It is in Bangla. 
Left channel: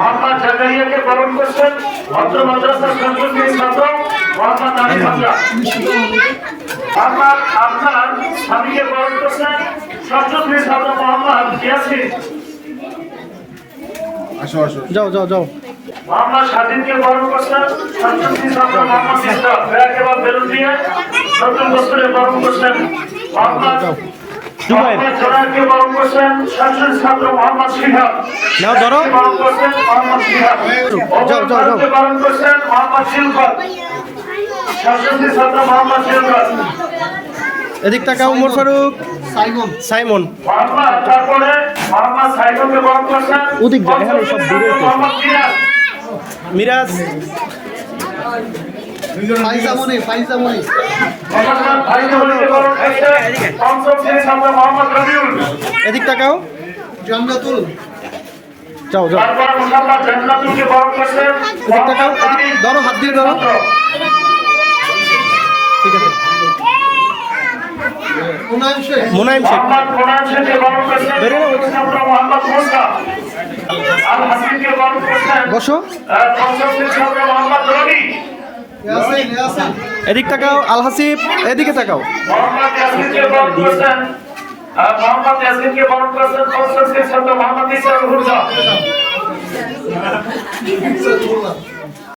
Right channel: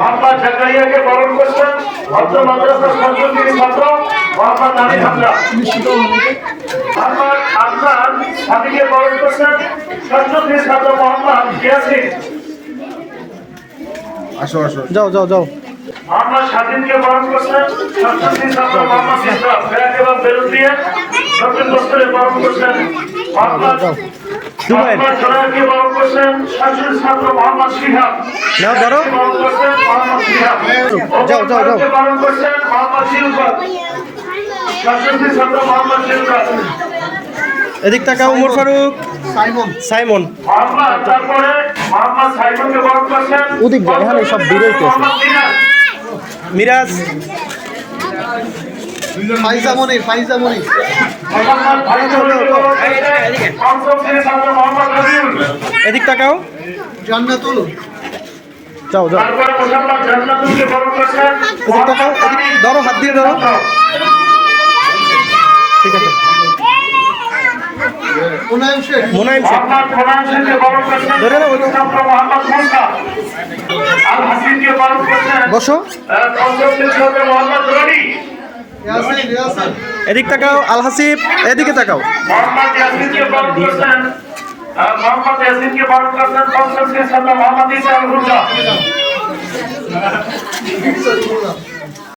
মোহাম্মদ জাকারিয়াকে বরণ করছেন ভদ্র মাদ্রাসার সঞ্চয়ী ছাত্র মোহাম্মদ আমির হামজা। মোহাম্মদ আফসান স্বামীকে বরণ করছেন সঞ্চয়ী ছাত্র মোহাম্মদ ইয়াসিন। আসো আসো যাও যাও যাও। মোহাম্মদ স্বাধীনকে বরণ করছেন সঞ্চয়ী ছাত্র মোহাম্মদ ইসলাম। ফেরাকেবাদ বেলুন দিয়ে নতুন বছরে বরণ করছেন মোহাম্মদ জোনারকে বরণ করছেন সঞ্চয়ী ছাত্র মোহাম্মদ শিহাব। নাও ধরো। বরণ করছেন মোহাম্মদ শিহাব। যাও যাও যাও। বরণ করছেন মোহাম্মদ শিলকত। সঞ্চয়ী ছাত্র মোহাম্মদ শিলকত। এদিক টাকা উমর ফারুক সাইমন মোহাম্মদ তারপরে মোহাম্মদ সাইমনকে বরণ করছেন ওদিক যায়, এখানে সব দূরে তো। মোহাম্মদ মিরাজ। মিরাজ ফাইজামনি মোহাম্মদ ভাইজুলকে বরণ করছেন পঞ্চম শ্রেণীর ছাত্র মোহাম্মদ রবিউল। এদিক টাকাও। জান্নাতুল যাও যাও। তারপরে মোহাম্মদ জান্নাতুলকে বরণ করছেন এদিক টাকাও। এদিক ধরো, হাত দিয়ে ধরো। ঠিক আছে। মোনায়েম শেখ মোহাম্মদ মোনায়েম শেখকে বরণ করছেন ধরে নাও, ওই তো। ছাত্র মোহাম্মদ মুসা। আল হাসিনকে বরণ করছেন বসো। পঞ্চম শ্রেণীর ছাত্র মোহাম্মদ রনি। এদিক টাকাও। আল হাসিব এদিকে তাকাও। মোহাম্মদ ইয়াসিনকে বরণ করছেন পঞ্চম শ্রেণীর ছাত্র মোহাম্মদ ইসা আল হুদা।